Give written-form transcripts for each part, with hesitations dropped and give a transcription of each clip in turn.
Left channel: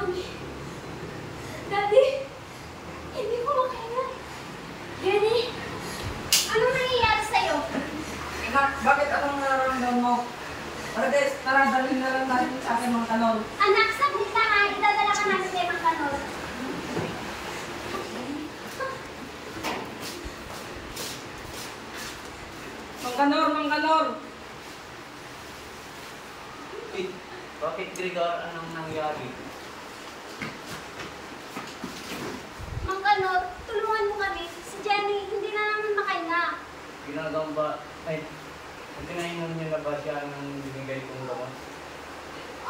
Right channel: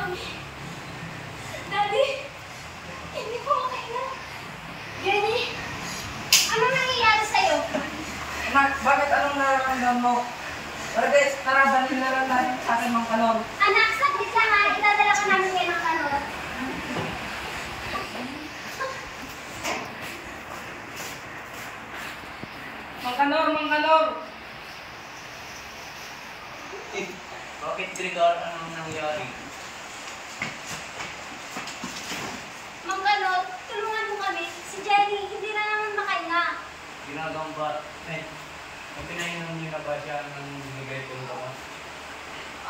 Mami. Daddy. Hindi ko makahinga. Jenny. Anong nangyayari sa'yo? Bakit anong nararamdaman mo? Guys, tara, dalhin na lang natin sa akin mga kanon. Anak, saglit lang ha. Idadala ka namin kayo ng kanon. Mangkanor, Mangkanor! Bakit Gregor? Anong nangyari? Mang Kanor, tulungan mo kami. Si Jenny, hindi na naman makahinga. Ginagamba. Ay, pinahinom niyo na ba siya ng binigay ko naman?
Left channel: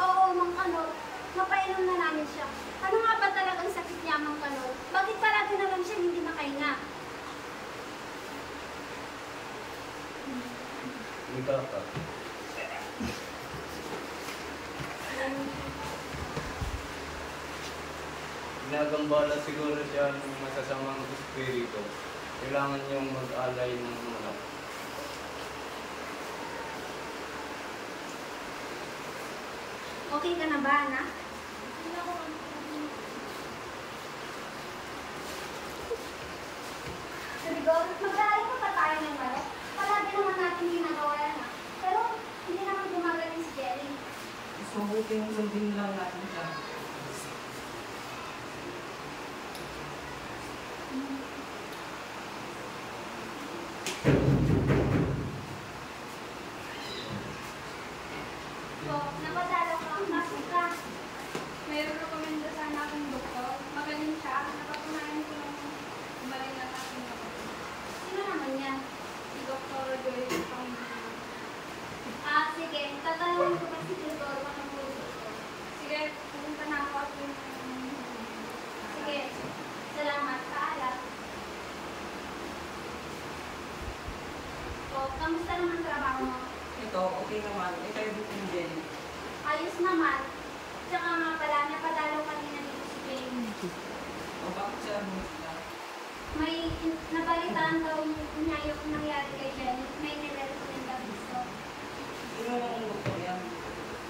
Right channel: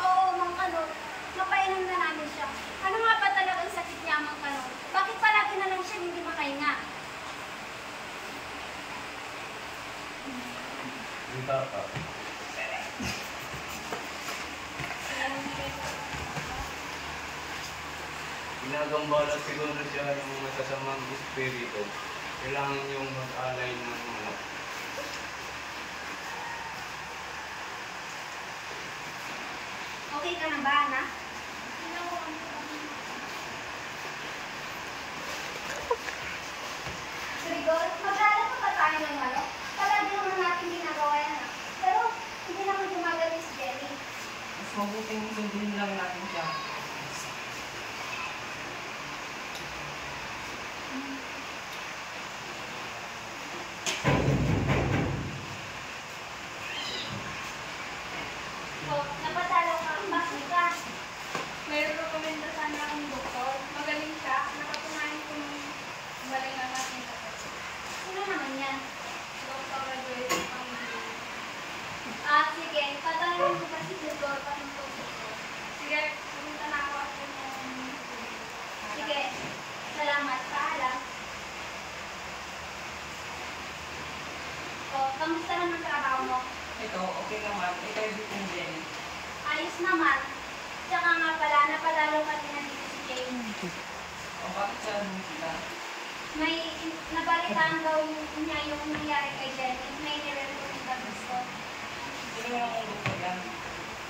Oo, Mang Kanor. Mapainom na namin siya. Ano nga ba talagang sakit niya, Mang Kanor? Bakit palagi na lang siya hindi makahinga? Dito ka. Ginagamba na siguro siya ng masasamang espiritu. Kailangan niyong mag-alay ng manok. Okay ka na ba, anak? Rigor, mag-alala pa ba tayo ng manok? Palagi naman natin ginagawa yan. Pero hindi naman gumagaling si Jenny. Mas mabuting sundin lang natin siya. So, napadalaw ka. Bakit ka? May rekomenda sana akong doktor. Magaling siya. Nakatunayan ko ng magaling na aking doktor. Sino naman yan? Doktor Joyce Pangilinan. Sige. Tatanungin ko ba si Doktor Pangilinan? Sige. Pupunta na ako at yung... Sige. Salamat. Paalam. So, kamusta naman ang trabaho mo? Ito, okay naman. Ikaw yung din Jenny. Ayos naman. Tsaka nga pala, napadalaw ka din na dito si Jane. O, bakit siya sila? May nabalitaan daw niya yung nangyari kay Jenny. May nire-recommenda gusto. Sino naman ang doktor yan?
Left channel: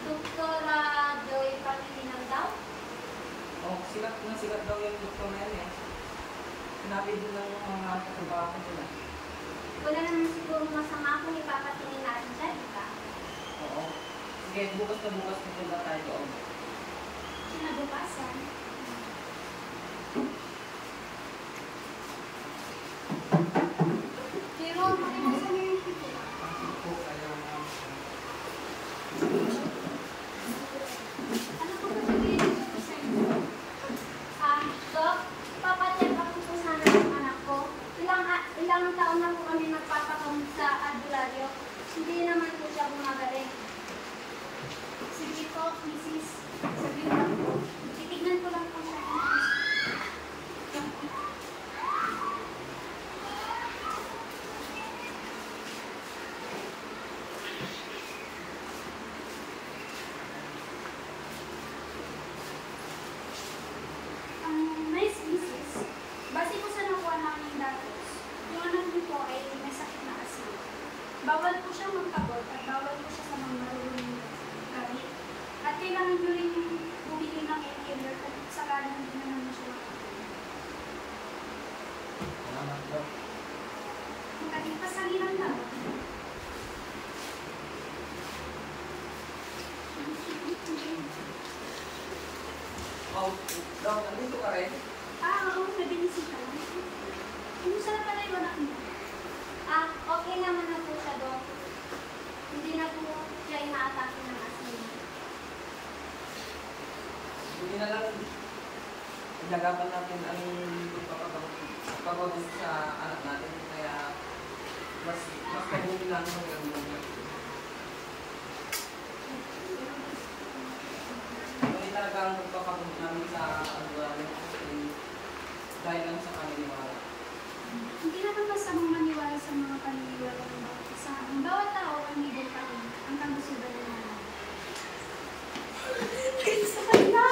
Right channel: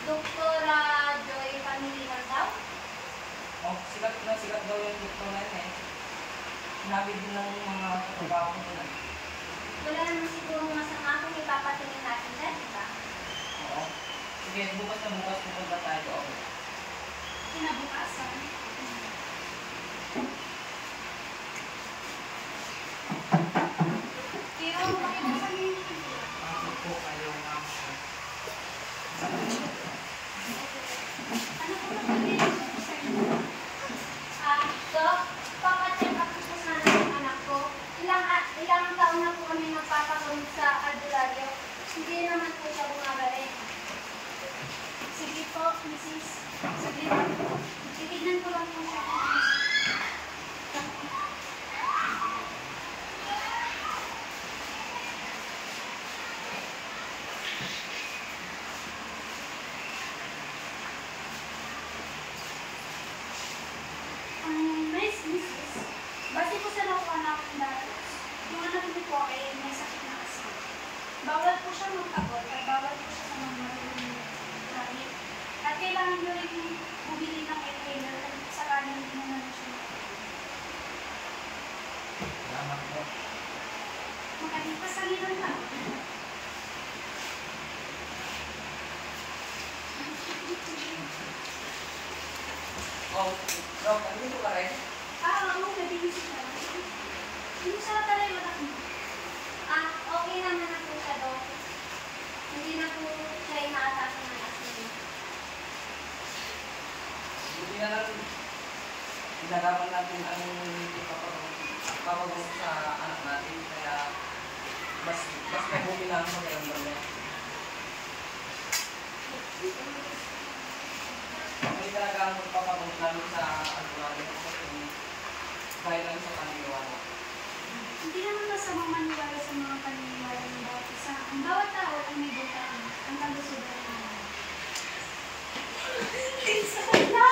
Doktora Joy Pangilinan daw. O, sikat daw yung doktor na yun eh. Sinabi din ng mga trabaho nila. Wala naman siguro masama kung ipapatingin natin dyan, di ba? Oo. Sige, bukas na bukas pupunta tayo doon. Kinabukasan. Pero, pakilasan niyo yung pipila. Bakit po kayo naman? Ano po ba sabihin ko sa inyo? Dok, papacheck up ko sana yung anak ko. Ilang taon na po kami nagpapakamit sa albularyo. Hindi naman po siya bumagaling. Sige po, Mrs. Sige po. Titignan ko lang po siya. Nice, Mrs. Base po sa nakuha namin datos, yung anak niyo po ay may sakit na asma. Bawal po siya magkabot at bawal po siya sa mga marunong gamit. At kailangan nyo rin bumili ng inhaler at saka nang hindi na naman siya makakita. Salamat daw. Magaling pa sa lilang lang. Oh, Dok, andito ka rin? Oo, nabinisi siya. Hindi ko sa tayo anak mo. Okay naman na po siya, Dok. Hindi na po siya inaatake ng asma niya. Hindi na lang ilagapan natin ang papagamot sa anak natin. Kaya mas mabuti namin sa ngayon namin. Hindi talaga ang pagpapagamot namin sa albularyo dahil lang sa paniniwala. Hindi naman masamang maniwala sa mga paniniwala ng bawat isa. Ang bawat tao ay may doon ang kagustuhan nila. Sa kanila!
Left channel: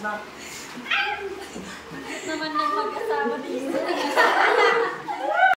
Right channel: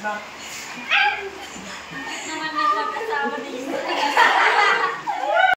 Snap!